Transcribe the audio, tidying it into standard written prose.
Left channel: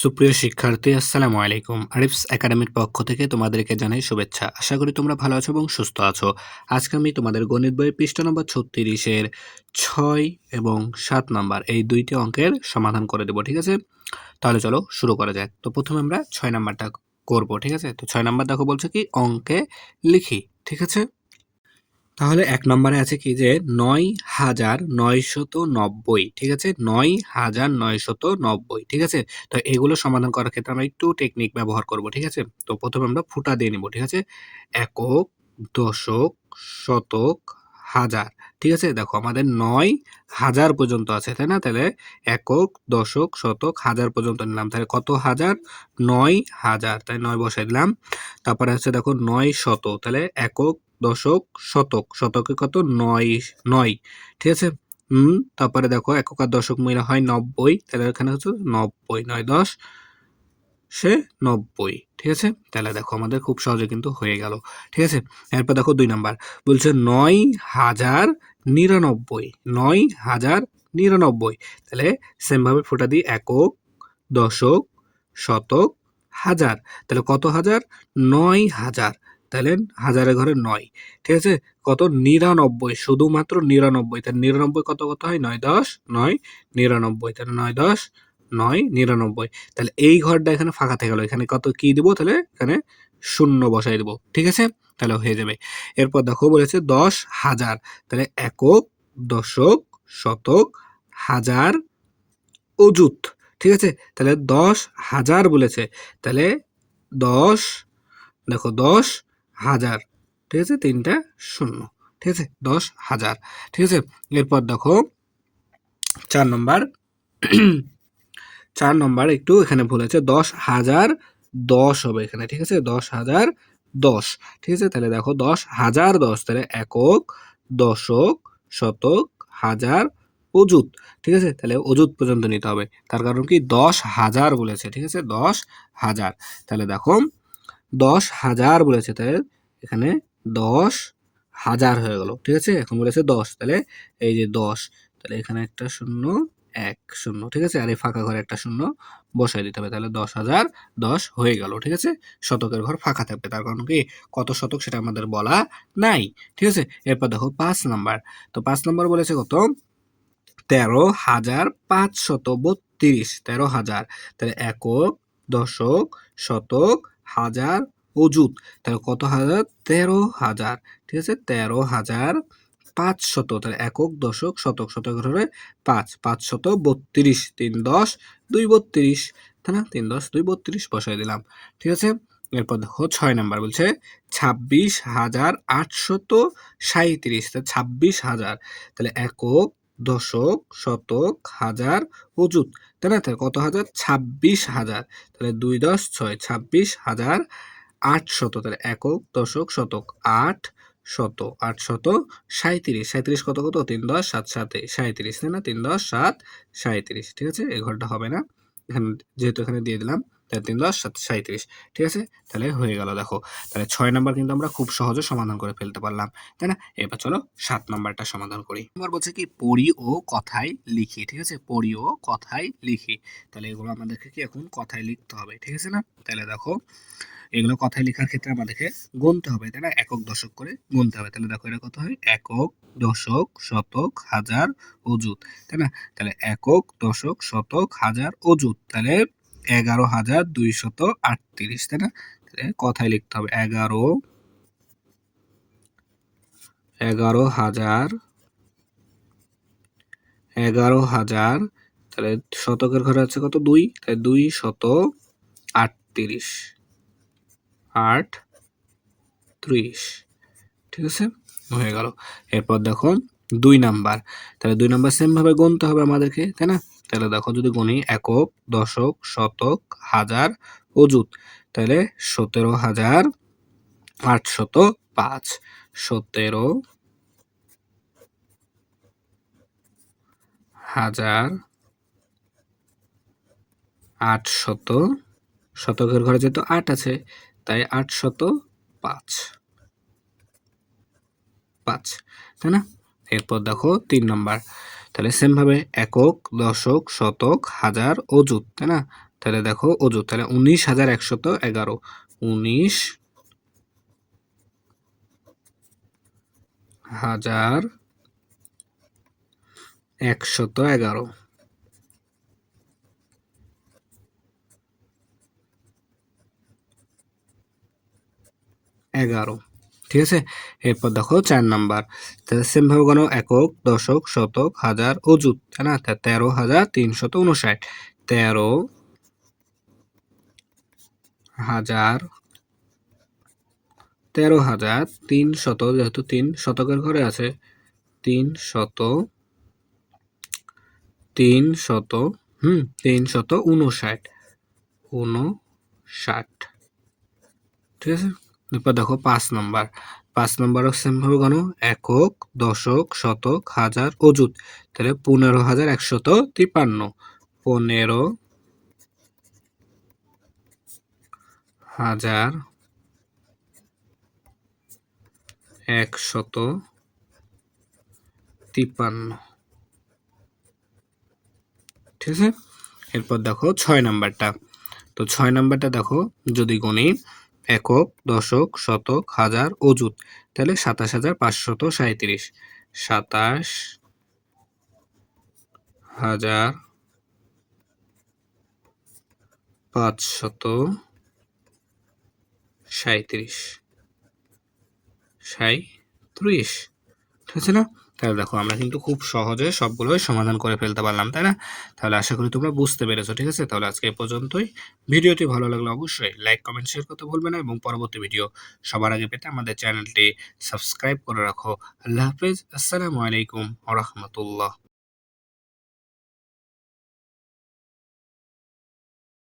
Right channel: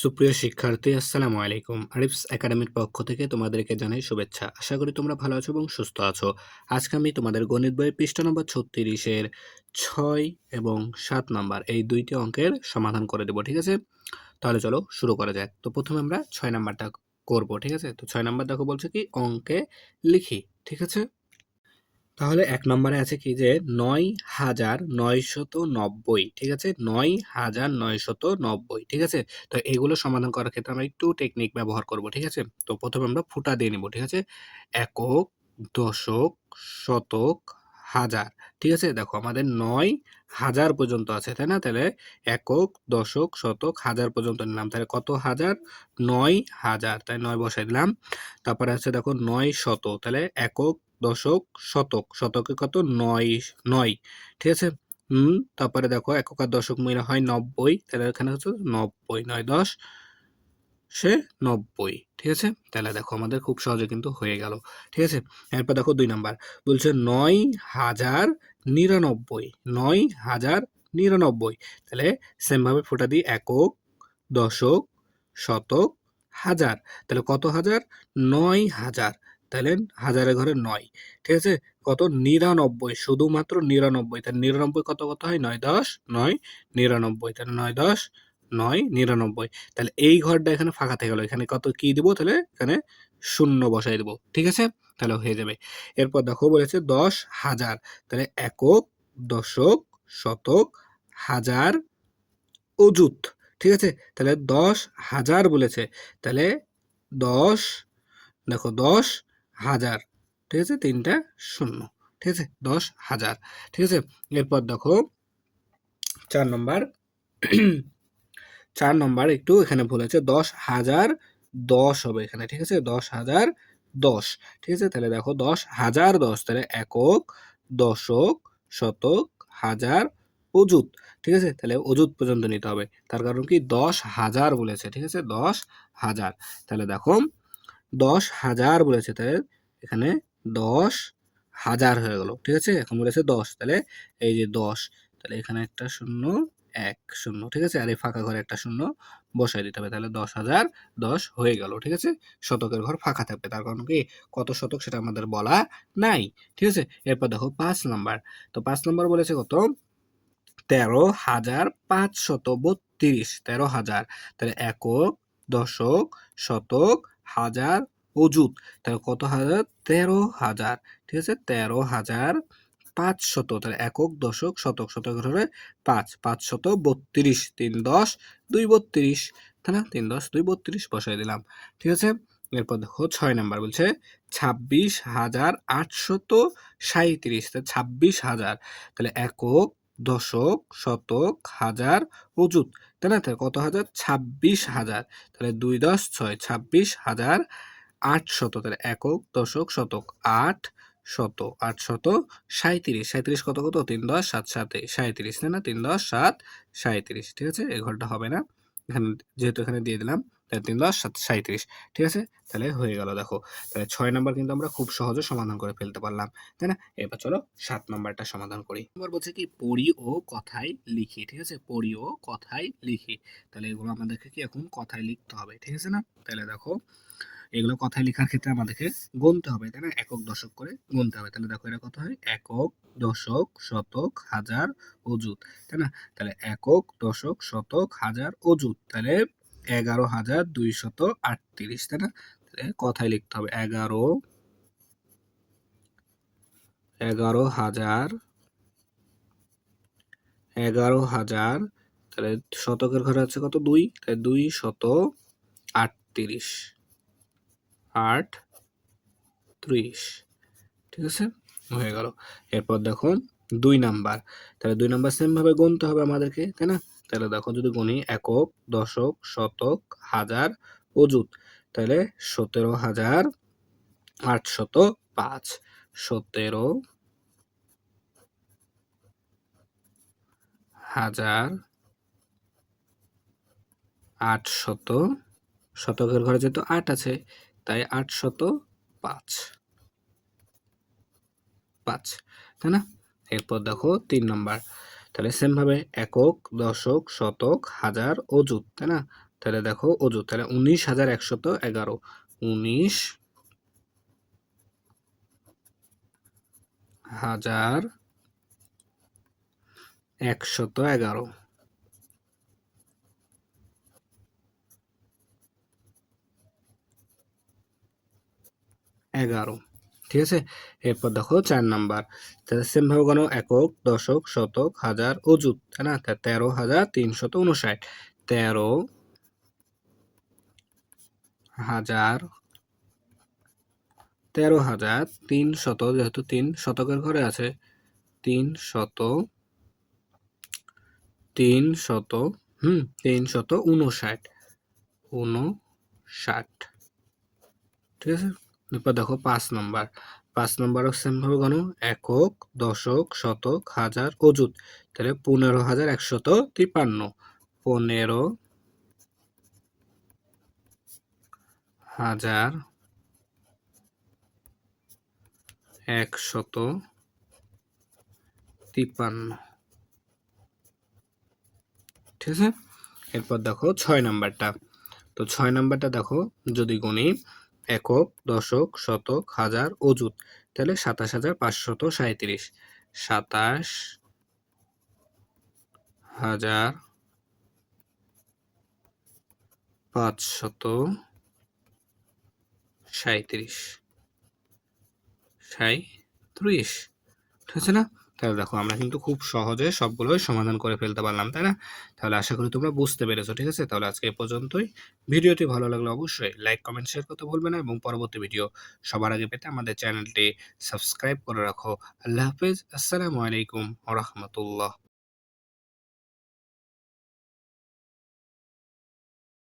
সুপ্রিয় শিক্ষার্থী, আসসালামু আলাইকুম। আরিফস একাডেমির পক্ষ থেকে তোমাদেরকে জানাই শুভেচ্ছা। আশা করি তোমরা ভালো আছো এবং সুস্থ আছো। আজকে আমি তোমাদের গণিত বইয়ের পৃষ্ঠা নম্বর 36-এর 6 এবং 7 নাম্বার এই দুইটি অঙ্কের সমাধান করে দেবো, ঠিক আছে? তাহলে চলো শুরু করা যাক। তো প্রথমে আমরা 6 নাম্বারটা করব, ঠিক আছে? তো 6 নাম্বার দেখো বলছে কি অঙ্কে লিখি, ঠিক আছে? তাহলে ১ নম্বরে আছে কি যে ৯,৯৯০, ঠিক আছে? ৯,৯৯০, ঠিক আছে? তো এগুলো সমাধান করার ক্ষেত্রে আমরা একটু টেকনিক ব্যবহার করব, ঠিক আছে? তো প্রথমে আমরা ফুটা দিয়ে নিব, ঠিক আছে? একক, দশক, শতক, হাজার, ঠিক আছে? দেখো আমাদের ৯,০০০ পর্যন্ত আছে, তাই না? তাহলে একক, দশক, শতক, হাজার পর্যন্ত নিলাম। তাহলে কত হাজার? ৯,০০০, তাই ৯ বসাই দিলাম। তারপরে আছে দেখো ৯শত, তাহলে একক, দশক, শতক, শতকে কত? ৯, ঠিক আছে? তারপরে দেখো একক আর দশক মিলে হয় ৯০, তাহলে এখানে হচ্ছে ৯০, ৯×১০ সে ৯০, ঠিক আছে? তাহলে দেখো আমাদের খুব সহজে কিন্তু হয়ে গেল, ঠিক আছে? এরপর দেখো ২ নাম্বার বলছে ৯,০৯৯, ৯,০৯৯, তাহলে সেম ভাবে ফোঁটা দিই একক, দশক, শতক, হাজার, তাহলে কত হাজার? ৯,০০০, তাহলে হাজারের ঘরে ৯, ঠিক আছে? কত? ৯৯, শুধুমাত্র ৯৯, তাহলে ৯৯ কত কত হয়? ৯×১০ ৯, ৯৯, তাহলে ৯×১০ ৯, ৯৯, তাহলে এই ঘরটা এখানে ফাঁকা থেকে গেল। এখানে কত কি দিব? তাহলে এখানে শূন্য বসাই দেব, ঠিক আছে? তাহলে হয়ে যাবে। এরপর দেখো বলেছে ১০,০০০, তাহলে একক, দশক, শতক, হাজার, অযুত, ঠিক আছে? তাহলে ১০,০০০ বলেছে, তাহলে ১০, দেখো ১০,০০০, ঠিক আছে? ৩টা শূন্য, ঠিক আছে? ১০,০০০, ঠিক আছে? এরপর দেখো ৪ নম্বর ৪ নম্বর একটু এখানে ভুল আছে, ১০,০১০ হবে এখানে, ঠিক আছে? ১০,০১০, ঠিক আছে? তাহলে দেখো ১০,০১০, তাহলে একক, দশক, শতক, হাজার, অযুত, ঠিক আছে? তাহলে অযুত পর্যন্ত নিতে হবে। তার কারণ কি ১০,০০০ বলেছে, ঠিক আছে? ১০,০০০, তাহলে দেখো ১০,০০০ বলেছে, তাহলে এখানে ১০,০০০ হয়ে গেল, ঠিক আছে? এখন বলেছে ১০, তাহলে এই যে ১০, তাহলে এখানে একটা শূন্য, ১ শূন্য, ঠিক আছে? আর এই ফাঁকা ঘরে একটা শূন্য বসাই দিতে হবে, তাহলে ১০,০১০ হয়ে গেল, ঠিক আছে? শতকের ঘর ফাঁকা থাকবে, তার কারণ কি কত শতক সেটা আমাদের বলা নাই, ঠিক আছে? এরপর দেখো ৫ নাম্বার। তো ৫ নাম্বার বলেছে কত? ১৩,৫৩২, ১৩,০০০, তাহলে একক, দশক, শতক, হাজার, অযুত, তাহলে কত হাজার? ১৩,০০০, ঠিক আছে? ১৩,৫০০, তাহলে একক, দশক, শতক, শতকের হলে ৫, ৫৩২, ৩×১০ ২ ৩২, তাই না? ৩×১০ ২ ৩২ বসাই দিলাম, ঠিক আছে? এরপর দেখো ৬ নাম্বার বলছে ২৬,৮৩৭, ২৬,০০০, তাহলে একক, দশক, শতক, হাজার, অযুত, তাই না? তাহলে কত হাজার? ২৬,০০০, তাহলে ২×১০ ৬, ২৬,৮০০, তাহলে একক, দশক, শতক, ৮শত ৩৭ কত কত? ৩×১০ ৭ ৭, ৩৭, তাই না? ৩×১০ ৭ ৩৭, ঠিক আছে? এই ঘরটা হবে না, এখানে যেহেতু এখানে দিয়ে দিলাম, তাহলে ৩×১০ ৭ ৩৭, ঠিক আছে? তাহলে হয়ে গেল দেখো। তাহলে ৬ নাম্বার কিন্তু আমরা খুব সহজে সমাধান করে ফেলতে পারলাম, তাই না? এবার চলো ৭ নাম্বারটা সমাধান করি। এবার বলছে কি পড়ি ও কথায় লিখি, ঠিক আছে? পড়ি ও কথায় লিখি, তাহলে এগুলো আমাদেরকে কি এখন কথায় লিখতে হবে, ঠিক আছে না? তাহলে দেখো এগুলো কথায় লেখার ক্ষেত্রে আমাদেরকে গুনতে হবে, তাই না? একক, দশক করে গুনতে হবে। তাহলে দেখো এটা কত হয়? একক, দশক, শতক, হাজার, অযুত, তাই না? তাহলে একক, দশক, শতক, হাজার, অযুত, তাহলে ১১,২৩৮, তাই না? তাহলে কথায় লিখতে হবে ১১,০০০, তাহলে শতকের ঘরে আছে কত? ২, তাহলে ২৩৮, ৩৮, ঠিক আছে? হয়ে গেল। এরপর দেখো ২ নাম্বার, তাহলে ২ নাম্বার সেম ভাবে গুনতে হবে আমাদেরকে, তাই না? তাহলে দেখো যদি গুনি একক, দশক, শতক, হাজার, অযুত, তাহলে ১৭,৮০৫, ১৭,৮০০, শতকের ঘরে যেহেতু ৮ আছে তাই ৮০৫, তাই না? এরপর দেখো ৩ নাম্বার, তাহলে সেম ভাবে একক, দশক, শতক, হাজার, অযুত, তাই না? তাহলে দেখো অযুত, তাহলে 19,111, 19,111, 11, ঠিক আছে। এরপর দেখো 4 নাম্বার, তাহলে সেম ভাবে গণ একক, দশক, শতক, হাজার, অযুত, তাই না? 13,359, 13,300, যেহেতু 3 শতকের ঘরে আছে, 359, ঠিক আছে। এরপর দেখো 5 নাম্বার, 5 নাম্বারও সেম ভাবে গণ একক, দশক, শতক, হাজার, অযুত, তাহলে 15,153, 15,153, ঠিক আছে। এরপর দেখো 6 নাম্বারটা, তো 6 নাম্বারটা দেখো যদি গণি একক, দশক, শতক, হাজার, অযুত, তাহলে 27,537, 27,537, ঠিক আছে না? তাহলে দেখো আমরা কিন্তু খুব সহজে সবগুলোই সমাধান করে ফেলতে পারলাম, তাই না? তাহলে আশা করি তোমরা বুঝতে পেরেছো, ঠিক আছে। তাহলে আজকে এ পর্যন্তই। ভিডিওটি ভালো লাগলে অবশ্যই লাইক, কমেন্ট, শেয়ার করতে ভুলবে না এবং পরবর্তী ভিডিও সবার আগে পেতে আমাদের চ্যানেলটি সাবস্ক্রাইব করে রাখো। আল্লাহ হাফেজ, আসসালামু আলাইকুম ওয়া রাহমাতুল্লাহ।